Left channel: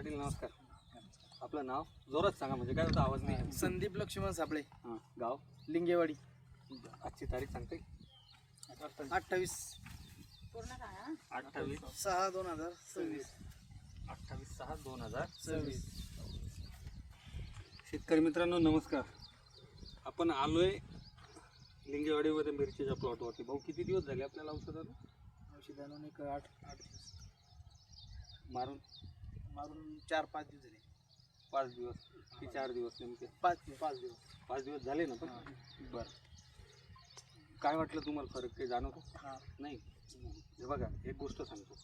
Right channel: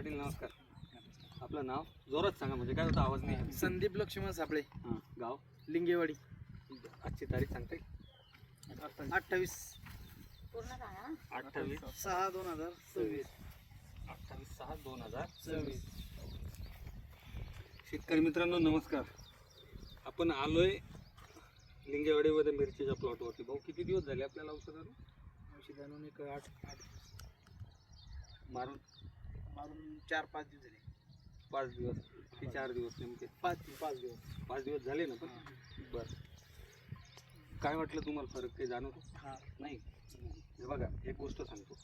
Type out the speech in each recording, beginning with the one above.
पाटील नमस्कार. आपलं नाव जोरात सांगा म्हणजे काय होता आवाज नाही. संदीप लक्ष्मण सापळे, हां गाव लिंगेवाडी. आजची तारीख सांगते 28 28/6/2026. 28/6/2026. शेतकरी मित्रांनो नमस्कार. आपण आलोय लिंगेवाडीमध्ये मिरचीच्या प्लॉटवरती. भाऊ किती दिवस झाले आपल्याला औषधाला औषधानं एक 8 मारून? 4-5 दिवस झाले. 5 दिवस की 4 दिवस नेमके? 5 दिवस. 5 दिवस झाले ना. पण बरं, काय वाटलं तुम्हाला फरक काही जाणवतो? नाही. हे बघा एक गोष्ट सांगतो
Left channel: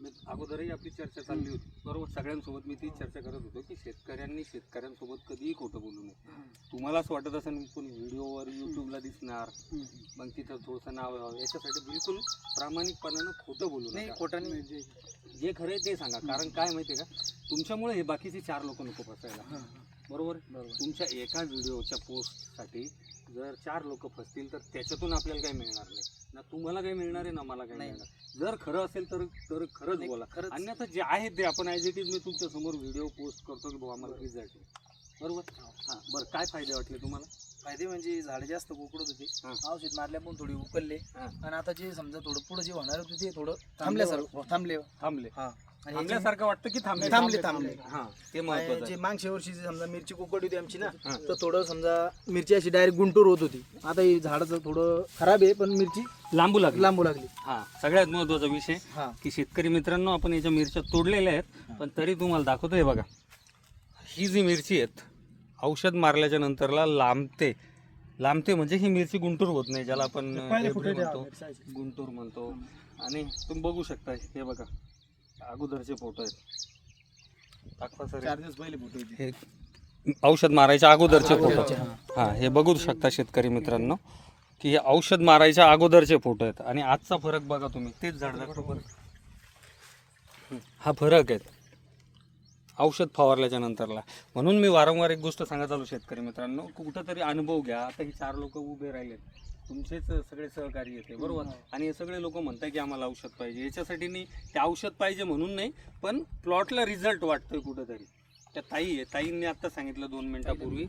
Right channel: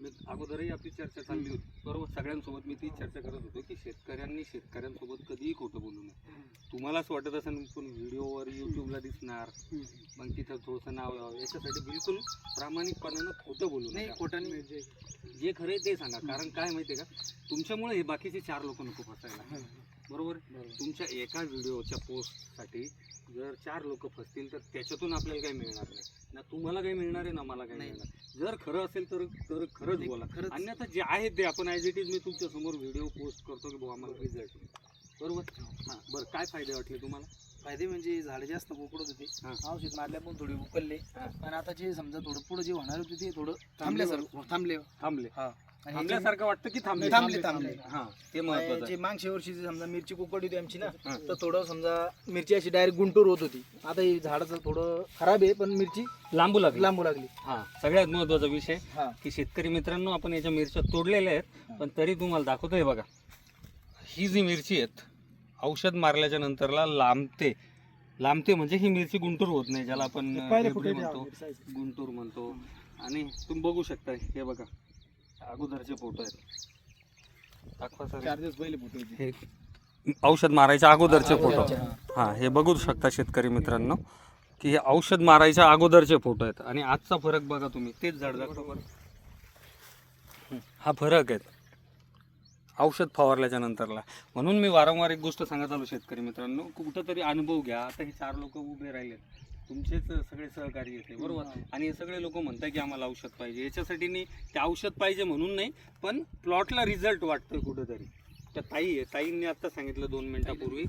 मी, अगोदरही आपली चर्चा चालली होती बरोबर. सगळ्यांसोबत मी तीच चर्चा करत होतो की शेतकऱ्यांसोबत कधीही खोटं बोलू नये. तुम्हाला असं वाटत असेल पण व्हिडिओवर यूट्यूबला दिसणार मग तिथं थोडंसं नाव यावं, याच्यासाठी बिलकुल प्रामाणिकपणानं खोटं बोलू नये. खोटं नाही, जे खरं आहे ते सांगा. कारण काय माहिती आहे का, तुमच्यामुळे हे बाकीचे 4 लोक नको फसायला. बरोबर. तुमच्या एका व्हिडिओच्या पोस्टसाठी जर 4 लोक फसतील तर त्याच्यातून आपल्याला काही मिळणार नाही ना. तुम्हाला काही मिळणार आहे ना मला काही मिळणार. जर खरं असेल तर खरंच बोला. अन्यथा जे आहे ते आपण ॲज इट इज मी तुमच्या समोर व्हिडिओ पोस्ट करतो की भाऊ आम्हाला रिझल्ट बरोबर. हां बरं, काय फायदे वाटले तुम्हाला? फायदे म्हणजे झाडं जास्त कोकडत होते, औषध मारल्या पण थोडी उकलले. आणि आता जे समजा थोडं पुढे जे होणार होते ते थोडं थांबले. थांबल्यासारखं वाटतं की थांबले. हां ते महत्त्वाचं आहे. मागच्या वर्षी समजा मिरची कोकड होती आमची ना, तर थोडं समजा मिरची अशी डायरेक्ट गुंटूर होत होती. आता ही झाडाचं थोडं खराब आहे पण मिरची लांबू लागली. हां सगळ्यात महत्त्वाचा विषय की शेतकरी मित्रांनो, आपण याच्या मिरच्या तोडलेल्या आहेत पण तरी तुम्हाला दाखवतोय बघा. ही जी मिरची आहेत औषध मारल्याच्या नंतरला लांबते म्हणजे ही मिरची गुंटूर होत नाही, ज्याला आपण गुंटूर म्हणतो. आणि तुम्ही बघू शकता हे बघा अगोदरचे फोटो आहेत. दाखवा सर. 4 दिवस पहिले फोटो हे औषध मारायच्या अगोदरचे फोटो. हां हे बघू शकता शेतकरी मित्रांनो की हे औषध मारायच्या अगोदरचे फोटो आहेत आणि आजचा फरक बघा तुम्ही. तेच झाड दाखवा. हा फरक आहे औषध फवारल्याच्या नंतरला. म्हणून मी वारंवार एक गोष्ट सांगत आलो शेतकरी मित्रांनो, कुठंतरी अनुभव घ्या. आता ही 4 लोक उभे राहिलेत, तुमचेच सगळे सहकारी येते बरोबर. आणि हे सगळे लोक म्हणतात की आम्हाला औषध पाहिजे. याच्यासाठी नाही, ते औषध पाहिजे म्हणून नाही, पण प्लॉटला रिझल्ट वाटतोय कुठंतरी. त्या ताईंनी आत्ता सांगितलं 2 मिनिटापूर्वी,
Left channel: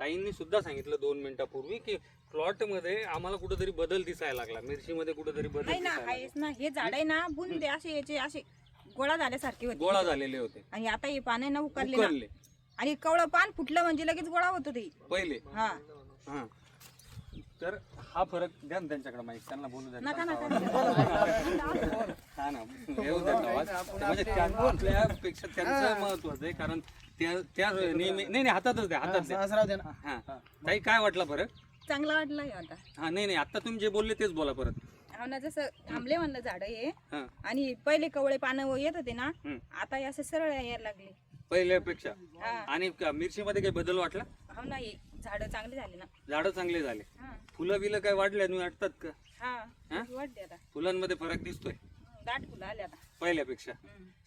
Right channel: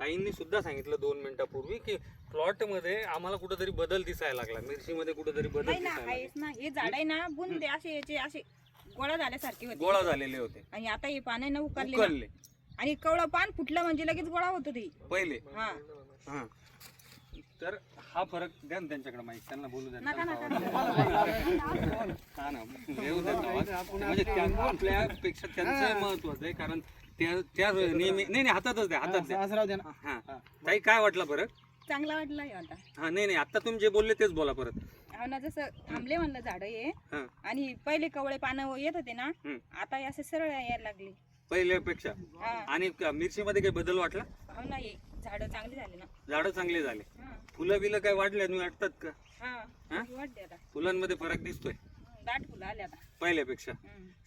ताईंनी सुद्धा सांगितलं 2 मिनिटापूर्वी की प्लॉटमध्ये आम्हाला कुठंतरी बदल दिसायला लागला, मिरचीमध्ये कुठंतरी बदल दिसायला लागला. हे झाड आहे ना बुंदे असे गोळा झाल्यासारखे होते, गोळा झालेले होते. आणि आता हे पाने न उकरले आणि कवळं पान फुटलं म्हणजे लगेच गोळा होतो ते पहिले. हां तर हा फरक द्या ना त्यांच्याकडे माहिती, त्यांना बोलू द्या. नका हा ना येऊ देत आवाज. म्हणजे आपल्यापेक्षा त्यांचं महत्वाचं आहे कारण त्या नेहमी नाही हातातच द्या, हातात द्या. हां ताई काय वाटला फरक? चांगला वाटलाय आता. हा नाही आता तुम्ही जे बोलले तेच बोला परत. ना जसं थांबले म्हणलं झाड हे, आणि पहिले कवळे पानं येत होते ना, आता असं सरळ यायला लागले पहिल्यापेक्षा. आणि मिरचीमध्ये काही बदल वाटला? हो ना, झाडं चांगली झाली ना. झाडं चांगली झाले. फुलं बिलं काय वाढल्या तुम्ही वाटतात का? वाढते आता, फुलांमध्ये फरक दिसतोय दाट फुलं आले आता पहिल्यापेक्षा.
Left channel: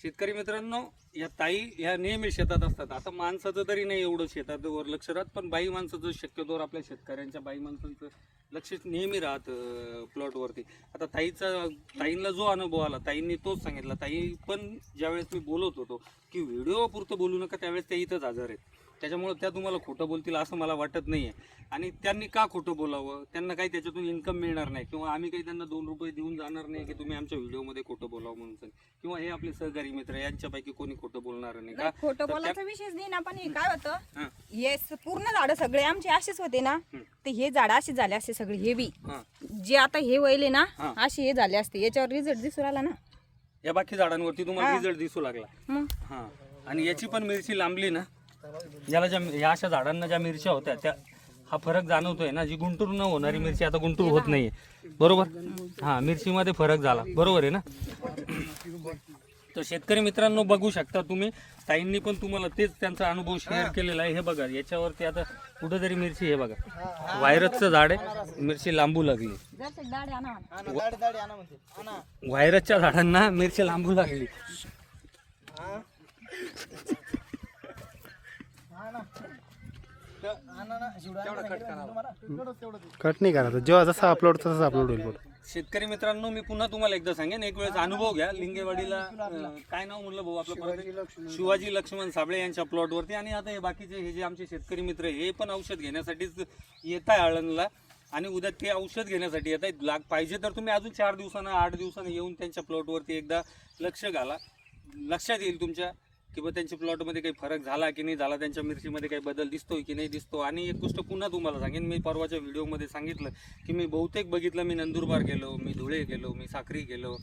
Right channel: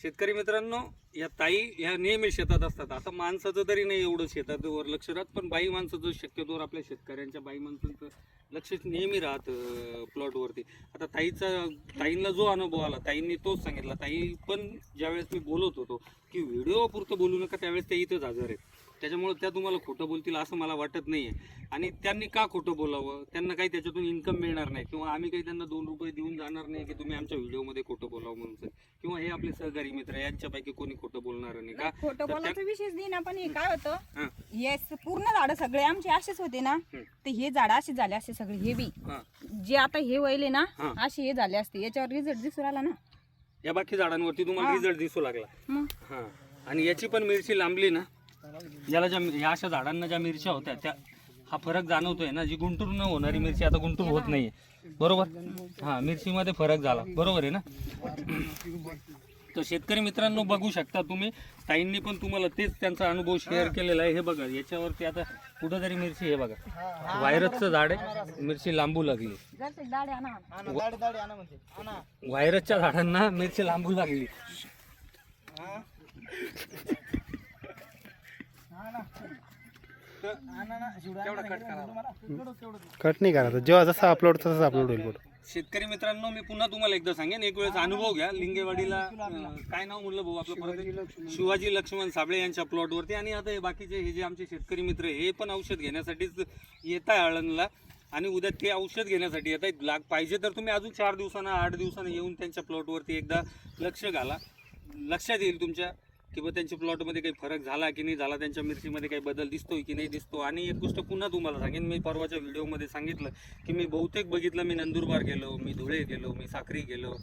शेतकरी मित्रांनो, या ताई ह्या नेहमी शेतात असतात. आता माणसाचं तरी नाही एवढं शेतावर लक्ष राहत, पण बाई माणसाचं शक्यतोवर आपल्या शेतकऱ्यांच्या बाई माणसांचं लक्ष नेहमी राहतं प्लॉटवरती. आता ताईंना जो अनुभव आला ताईंनी तोच सांगितला. ताई पण ज्यावेळेस मी बोलत होतो की व्हिडिओ पुरतं बोलू नका, त्यावेळेस त्या इथंच हजर आहेत. त्याच्यामुळे त्या तुम्हाला खोटं बोलतील असं मला वाटत नाही आहे. आणि त्यांनी का खोटं बोलावं? त्यांना काही त्याच्यातून इन्कम मिळणार नाही, किंवा आम्ही काही त्यांना 2 रुपये देऊन जाणार नाही की तुम्ही आमच्या व्हिडिओमध्ये खोटं बोलावं म्हणून. किंवा हे आपले सहकारी मित्र यांच्यापैकी कोणी खोटं बोलणार नाही का? खोटं बोलायचा विषयच नाही ना. पण हे काय होतं, हे पूर्ण झाड सगळे आमचे असेच होते ना, ते हे झाड असे झाले असते सगळे. हे बी जे आता हे वळले ना असे हे झाले असते. याच्यावर रिझल्ट दिसू आला ना. या बाकी झाडांवरती तुम्हाला रिझल्ट दिसू लागला. हां आणि याची पण मिरची लांबली ना. याला या अशा झाडांना ज्या मिरच्या होत्या त्या हा फरक जाणवतोय ना. जी गुंटूर न होणारी मिरची आता गुंटूर होत नाहीये बरोबर. हां मिरचीमध्ये फरक झाला बरोबर आहे ना. तर शेतकरी मित्रांनो बघू शकता तुम्ही, ताईंनी पण तुम्हाला तेच त्यांचा अनुभव शेअर केलेला आहे. हे बघा याच्यावरती आता कुठंतरी मिरची, हे बघा व्हायरसचं झाड आहे, मिरची लांबू लागली. व्हायरसच्या झाडांना मिरची लांबू लागली. कट नाही करायचं, जेव्हा जसा अपलोड तसं अपलोड होईल. शेतकरी मित्रांनो, मी पुन्हा तुम्हाला एकदा सांगेन, एक वेळेस अनुभव घ्या. लिंगेवाडीला काय नाव म्हटलं भाऊ आपलं परत? शिवाजी लक्ष्मण साबळे यांच्या प्लॉटवरती. आणि आता हे बाकीचे हे जे आमचे शेतकरी मित्र आहे, हे पण औषध घेण्यासाठीच येत आहे आळंदला, आणि उद्या ते औषध घेण्यासाठी येत आहेत. पाहिजे तर तुम्ही अजून 4 दिवसानं 8 दिवसानं येऊन त्यांच्या प्लॉटवरती एकदा लक्ष घाला. लक्षात येईल तुमच्या की बा त्यांच्या प्लॉटमध्ये काही फरक झाला की नाही झाला, त्यांच्या मिरचीमध्ये काही बदल दिसतोय की नाही दिसतो. आणि एक गोष्ट पुन्हा तुम्हाला सांगेन, मी परवाच्या व्हिडिओमध्ये सांगितलं की मी बहुतेक बघितलं, मी नंदुरबार गेलो, मी धुळे गेलो, मी साक्री गेलो,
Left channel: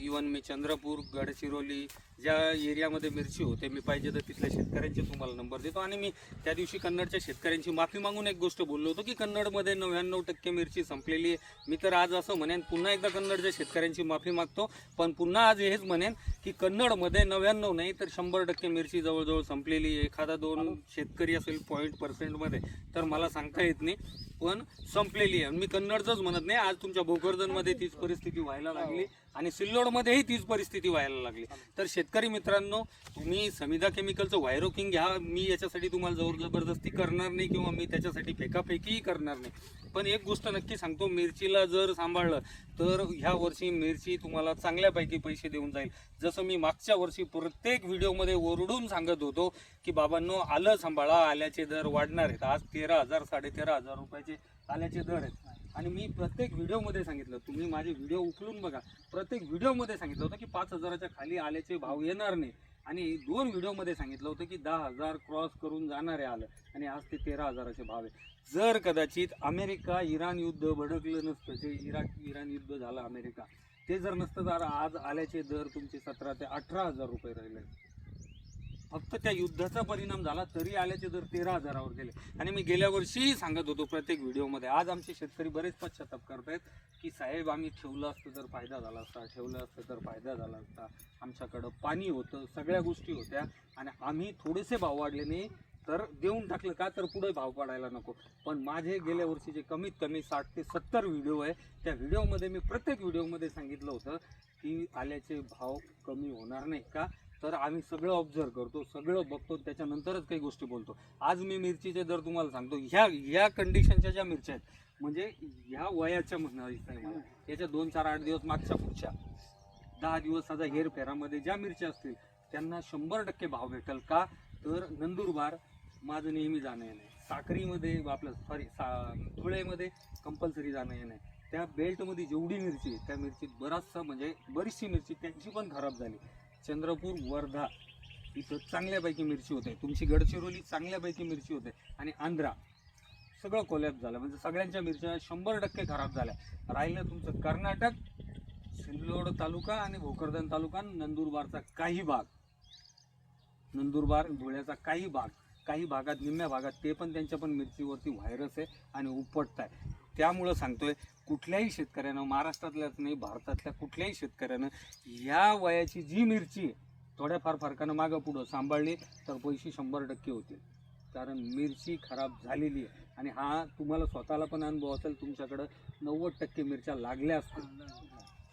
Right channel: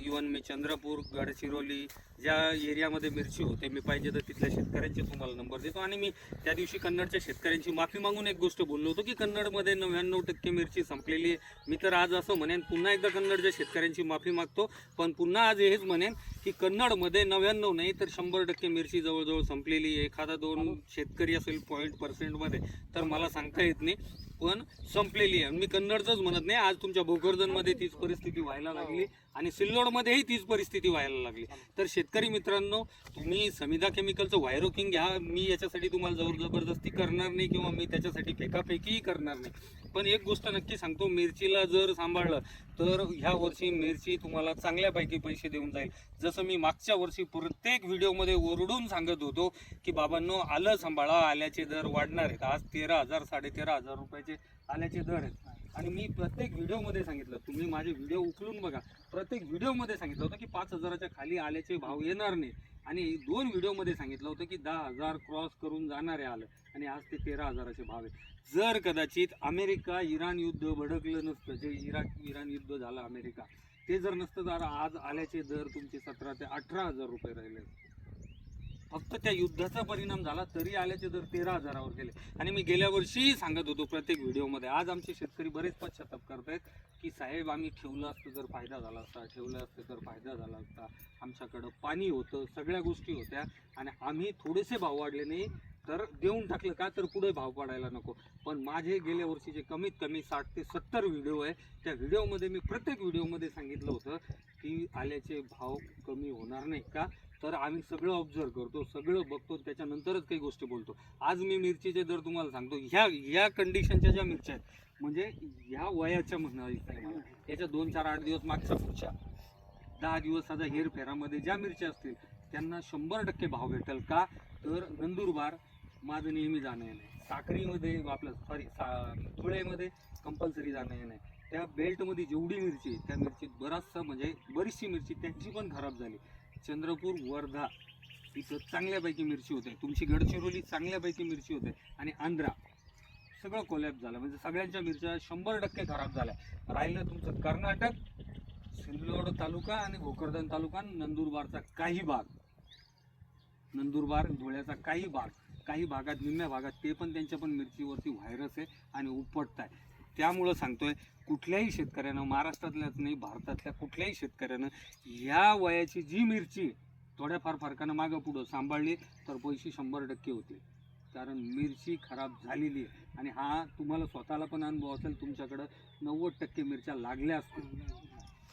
इवन मी चंद्रपूर, गडचिरोली, ज्या एरियामध्ये मिरची होते, मी पाहिजे तर तिथल्या शेतकऱ्यांचे तुम्हाला नंबर देतो. आणि मी त्या दिवशी कन्नडच्या शेतकऱ्यांची माफी मागून एक गोष्ट बोललो होतो की कन्नडमध्ये 99% मिरची संपलेली आहे. मी तर आज असं म्हणेन, पुन्हा एकदा कन्नडच्या शेतकऱ्यांची माफी मागतो, पण पुन्हा आज हेच म्हणेन की कन्नडमध्ये 99 नाही तर 100% मिरची जवळजवळ संपलेली. एखादा 2 शेतकरी असेल 0.% तर मला सांगता येत नाही, पण संपलेली आहे. मी कन्नडचंच म्हणत नाही, आज तुमच्या भोकरदनमध्ये तीच परिस्थिती व्हायला लागली आणि सिल्लोडमध्येही तीच परिस्थिती व्हायला लागली. तर शेतकरी मित्रांनो, तुम्ही समिधा केमिकलचं व्हायरोकिंग घ्या. मी याच्यासाठी तुम्हाला जबरदस्ती करणार नाही किंवा मी त्याच्यासाठी फेकाफेकीही करणार नाही, पण एक गोष्ट नक्की सांगतो, मिरचीला जर सांभाळलं तर ह्या वर्षी मिरची तुम्हाला चांगल्यापैकी पैसे देऊन जाईल. जसं मी मागच्या वर्षी प्रत्येक व्हिडिओमध्ये ओरडून सांगत होतो की बाबांनो, आलं सांभाळा, आल्याचे दर वाढणार आहेत. आज 13,000 13,500 रुपयाचे आल्याचे दर आहेत. आणि मी प्रत्येक व्हिडिओमध्ये सांगितलं, तुम्ही माझे व्हिडिओ उचलून बघा, प्रत्येक व्हिडिओमध्ये सांगितलं होतं की 5,000च्या खाली आल्याचे भाव येणार नाही. आणि 2 व्हिडिओमध्ये सांगितलं होतं की 10,000 क्रॉस करून जाणारे आलं, आणि आज ते 13,000चे भाव आहे. जर कदाचित अमेरिका इराण युद्ध भडकलं नसतं, जे इराण युद्ध झालं अमेरिका, ते जर नसतं तर आज आल्याचे दर तुमचे 17,000 ते 18,000 रुपये राहिले. फक्त त्या युद्धाचा परिणाम झाला तरी आल्याचे दर 13,000वर गेले. आणि मी गेल्या वर्षीही सांगत होतो प्रत्येक व्हिडिओमध्ये. आज आमचे शेतकरी बरेच पश्चाताप करतायत की साहेब, आम्ही ठेवलं असतं तर फायदा झाला असता, ठेवलं असतं तर फायदा झाला असता, आमच्याकडं पाणी होतं, सगळ्या गोष्टी होत्या, आणि आम्ही थोडेसे भाव वाढले नाही तर देऊन टाकलं का, तर पुढे भाव पडायला नको. पण माझे गेल्या वर्षीचे कमीत कमी 60 ते 70 व्हिडिओ आहे. त्या व्हिडिओमध्ये मी प्रत्येक व्हिडिओमध्ये सांगितलं होतं की आल्याचे भाव कमी होणार नाही का, तर आम्ही सगळं ऑब्झर्व करतो, सगळं बघतो, त्याच्यानंतरच काही गोष्टी बोलतो. आज मी मिरचीचे दर तुम्हाला सांगतो, ह्या कंडिशनच्या ज्या मिरच्या आहेत, म्हणजे ह्या वयाच्या म्हणायचं नाही मला, याच्या 2, 4, 8 दिवस मागच्या पुढच्या 10 दिवस आता हेरफेरामध्ये ज्या मिरच्या असतील त्यांना 100% भाव भेटेल का, तर नंदुरबार माझं नेहमी जाणं येणं आहे, साक्रीमध्ये आपलं धुळेमध्ये कंपल्सरी जाणं येणं आहे. त्या बेल्टमध्ये जेवढी मिरची, त्या मिरचीत बरीचशी मिरची त्यांची पण खराब झाली. चंद्रपूर, वर्धा इथं चांगल्यापैकी मिरची होते, तुमची गडचिरोली चांगल्यापैकी मिरची होते, आणि आंध्रा सगळं कोलॅप झालं. म्हणजे सगळ्यांच्या मिरच्या 100% खराब झाल्या. राहिलं तुमचं कर्नाटक, सिल्लोड तालुका आणि भोकरदन तालुका, नंदुरबारचा काही भाग, नंदुरबार धुळ्याचा काही भागात, निम्म्या भागात ते पण त्यांच्या पण मिरचीवरती व्हायरस आहे आणि उपटत आहे. त्यामुळं सांगतोय, कुठल्याही शेतकऱ्यानं, महाराष्ट्रातल्याच नाही भारतातल्या कुठल्याही शेतकऱ्यानं ह्या वयाची जी मिरची थोड्याफार फरकानं मागं पुढं सांभाळली तर पैसे 100% होतील. कारण मिरची खराब झालेली आहे. आणि हा तुम्हाला स्वतःला पण अनुभव असेल, तुमच्याकडं 90% मिरच्या लागल्या असतील,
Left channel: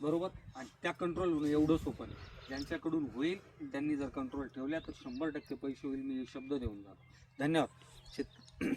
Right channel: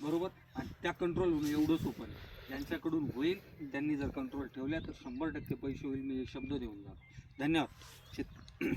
बरोबर, आणि त्या कंट्रोल होणं एवढं सोपं नाही. ज्यांच्याकडून होईल त्यांनी जर कंट्रोल ठेवल्या तर 100% पैसे होईल, मी शब्द देऊन जातो. धन्यवाद.